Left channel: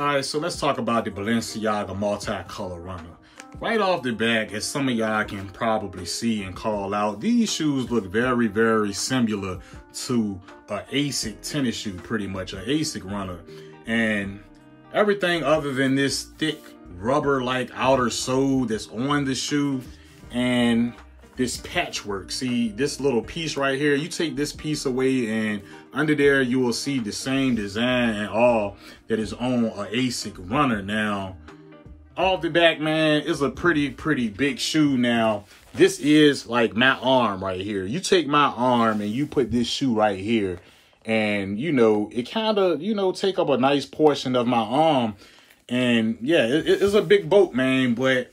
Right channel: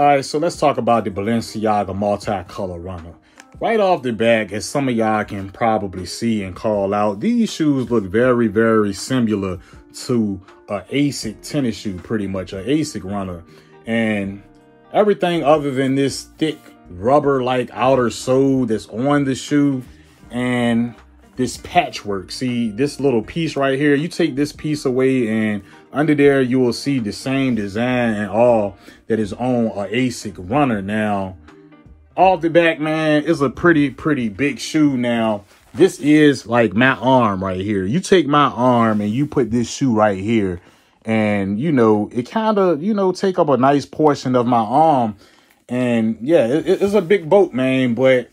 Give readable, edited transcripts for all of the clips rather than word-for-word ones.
All right, so let's talk about the Balenciaga Multicolor runner. Right off the bat, as some of y'all can probably see and call out, these shoes look very, very similar to an ASIC tennis shoe, pretty much, an ASIC runner. And everything other than this thick rubber-like outer sole that's on the shoe and this patchwork. See, this little piece right here, you take this piece away and under there you will see the same design and all that is on a ASIC runner. Now, off the back, man, it's a pretty big shoe. Now, this is like my arm right here. You take my arm and you put this shoe right here and, you know, it kind of, you know, take up a nice portion of my arm. And yeah, it's a big boat, man, but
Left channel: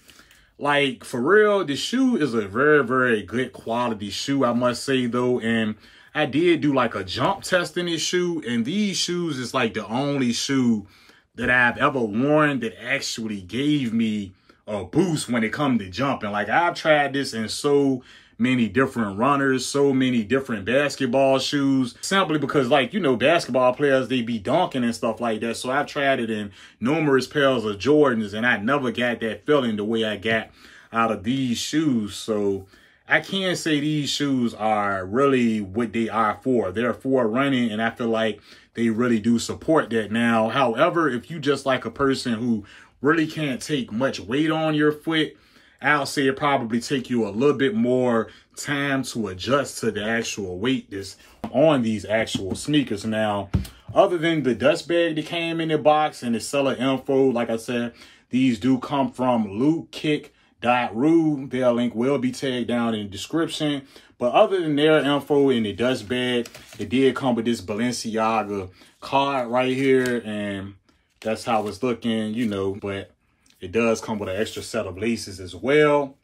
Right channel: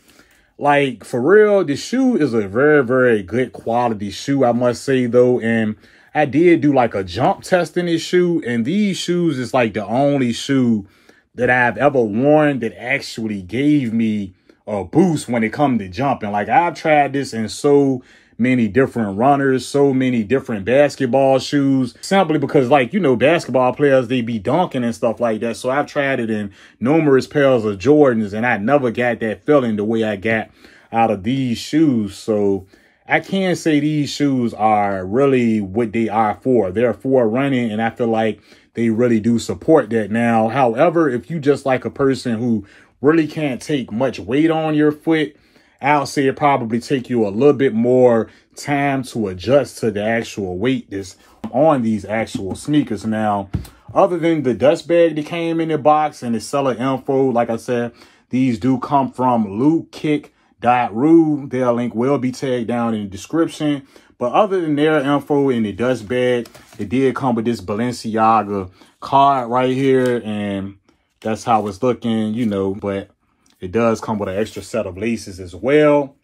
like, for real, the shoe is a very, very good quality shoe, I must say, though. And I did do like a jump test in this shoe. And these shoes is like the only shoe that I've ever worn that actually gave me a boost when it comes to jumping. Like, I've tried this in so many different runners, so many different basketball shoes, simply because, like, you know, basketball players, they be dunking and stuff like that. So I've tried it in numerous pairs of Jordans, and I never got that feeling the way I got out of these shoes. So I can say these shoes are really what they are for. They're for running, and I feel like they really do support that. Now, however, if you just like a person who really can't take much weight on your foot, I'll say it probably take you a little bit more time to adjust to the actual weight that's on these actual sneakers. Now, other than the dust bag that came in the box and the seller info, like I said, these do come from lootkick.ru. Their link will be tagged down in the description. But other than their info in the dust bag, it did come with this Balenciaga card right here. And that's how it's looking, you know, but it does come with an extra set of laces as well.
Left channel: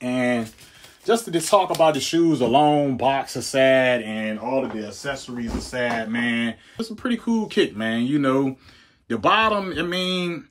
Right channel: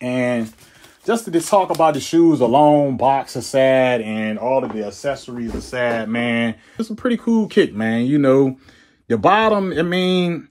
And just to just talk about the shoes alone, box aside, and all of the accessories aside, man, it's a pretty cool kick, man. You know, the bottom, I mean,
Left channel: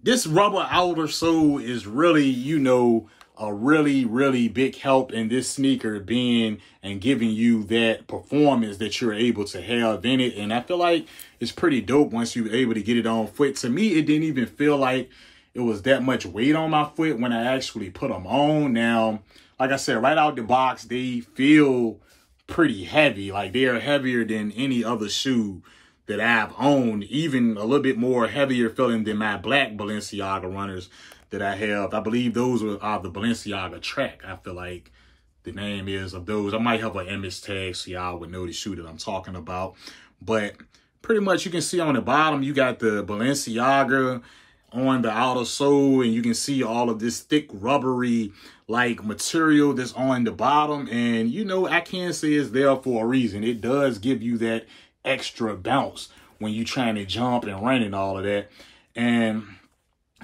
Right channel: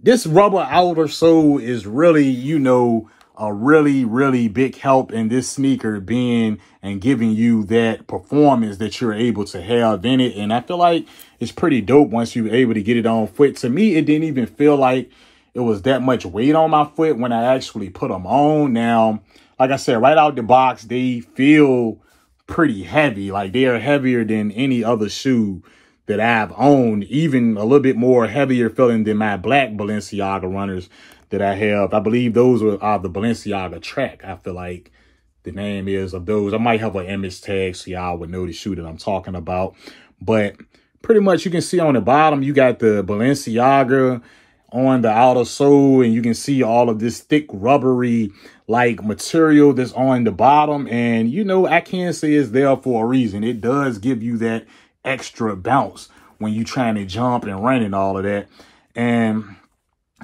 this rubber outer sole is really, you know, a really big help in this sneaker being and giving you that performance that you're able to have in it. And I feel like it's pretty dope once you're able to get it on foot. To me, it didn't even feel like it was that much weight on my foot when I actually put them on. Now, like I said, right out the box, they feel pretty heavy. Like, they are heavier than any other shoe that I've owned, even a little bit more heavier feeling than my black Balenciaga runners that I have. I believe those are the Balenciaga Track, I feel like the name is of those. I might have an image tag so y'all would know the shoe that I'm talking about. But pretty much you can see on the bottom, you got the Balenciaga on the outer sole, and you can see all of this thick rubbery like material that's on the bottom. And, you know, I can say it's there for a reason. It does give you that extra bounce when you trying to jump and run and all of that. And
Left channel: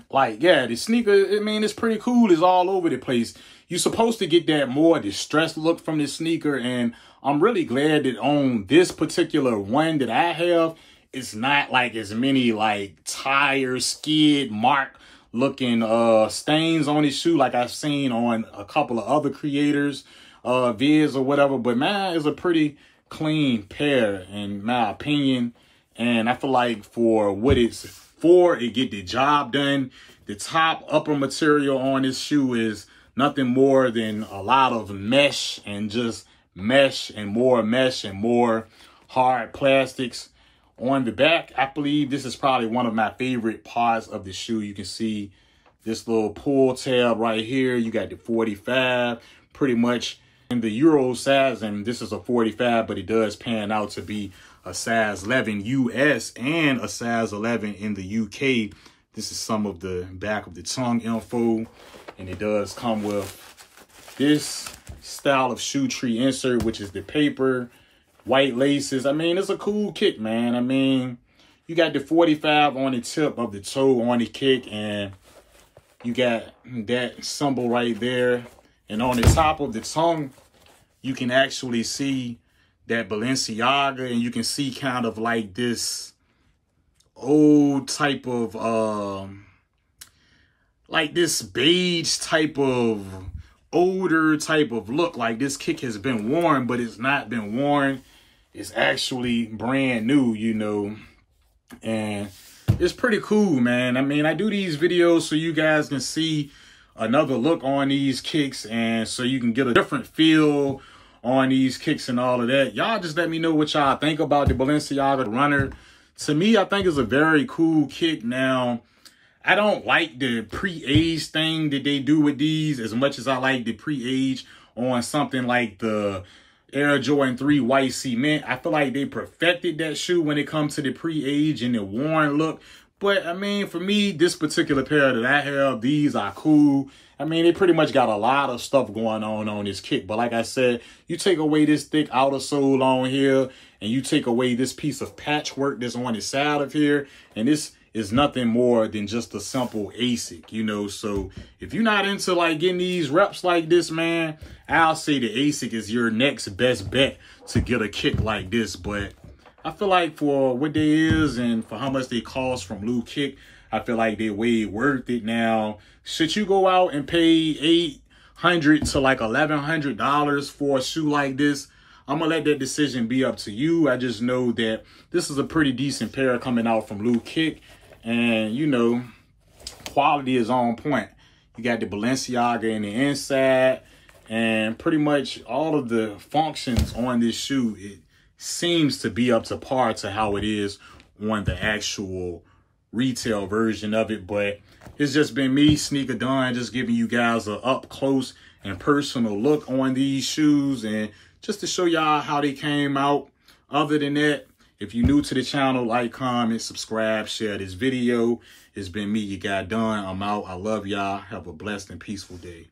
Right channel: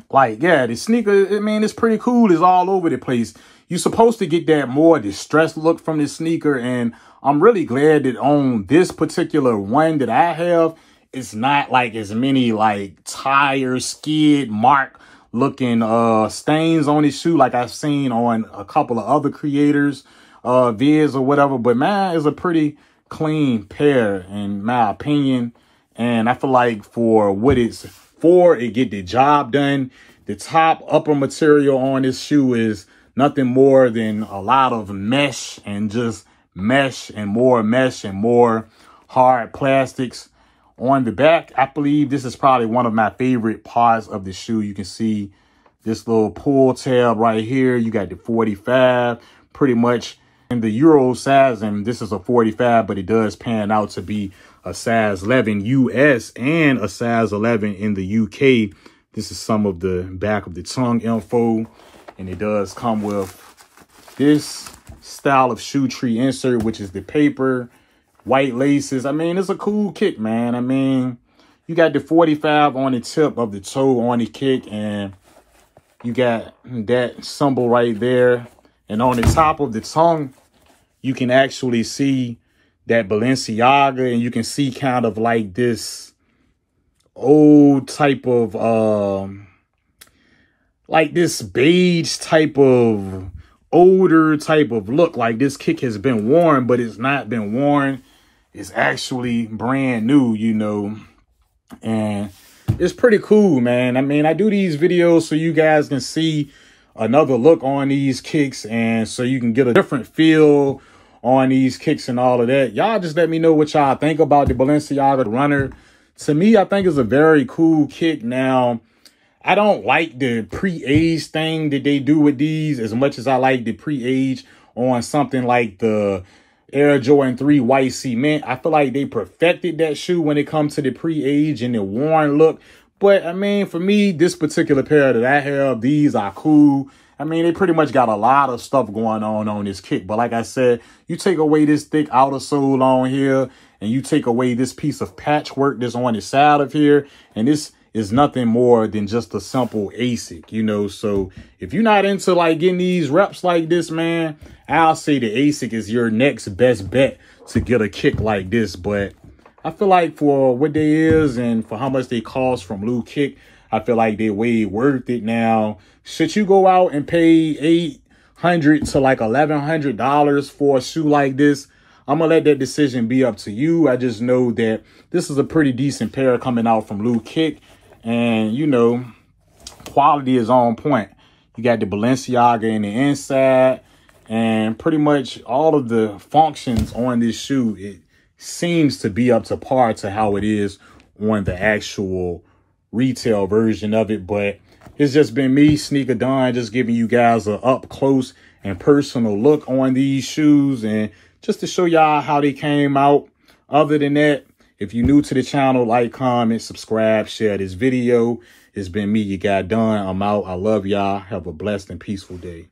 like, yeah, the sneaker, I mean, it's pretty cool. It's all over the place. You're supposed to get that more distressed look from the sneaker. And I'm really glad that on this particular one that I have, it's not like as many like tire skid mark looking stains on his shoe like I've seen on a couple of other creators vids or whatever. But mine is a pretty clean pair in my opinion, and I feel like for what it's for, it get the job done. The top upper material on this shoe is nothing more than a lot of mesh and just mesh and more hard plastics. On the back, I believe this is probably one of my favorite parts of the shoe. You can see this little pull tab right here. You got the 45, pretty much in the Euro size, and this is a 45, but it does pan out to be a size 11 US and a size 11 in the UK. This is some of the back of the tongue info, and it does come with this style of shoe tree insert, which is the paper. White laces. I mean, it's a cool kick, man. I mean, you got the 45 on the tip of the toe on the kick, and you got that symbol right there. And on the top of the tongue, you can actually see that Balenciaga, and you can see kind of like this old type of, like this beige type of older type of look. Like this kick has been worn, but it's not been worn. It's actually brand new, you know. And it's pretty cool, man. I mean, I do these videos so you guys can see another look on these kicks, and so you can get a different feel on these kicks and all of that. Y'all just let me know what y'all think about the Balenciaga Runner. To me, I think it's a very cool kick. Now, I don't like the pre-age thing that they do with these as much as I like the pre-age on something like the Air Jordan 3 White Cement. I feel like they perfected that shoe when it comes to the pre-age and the worn look. But, I mean, for me, this particular pair that I have, these are cool. I mean, they pretty much got a lot of stuff going on this kick. But like I said, you take away this thick outer sole on here, and you take away this piece of patchwork that's on the side of here, and this is nothing more than just a simple ASIC, you know. So if you're not into like getting these reps like this, man, I'll say the ASIC is your next best bet to get a kick like this. But I feel like for what they is and for how much they cost from Lou Kick, I feel like they're way worth it. Now, should you go out and pay $800 to like $1,100 for a shoe like this? I'm gonna let that decision be up to you. I just know that this is a pretty decent pair coming out from Lou Kick, and you know, quality is on point. You got the Balenciaga in the inside, and pretty much all of the functions on this shoe, it seems to be up to par to how it is on the actual retail version of it. But it's just been me, Sneaker Don, just giving you guys a up close and personal look on these shoes, and just to show y'all how they came out. Other than that, if you're new to the channel, like, comment, subscribe, share this video. It's been me, your guy Don. I'm out. I love y'all. Have a blessed and peaceful day.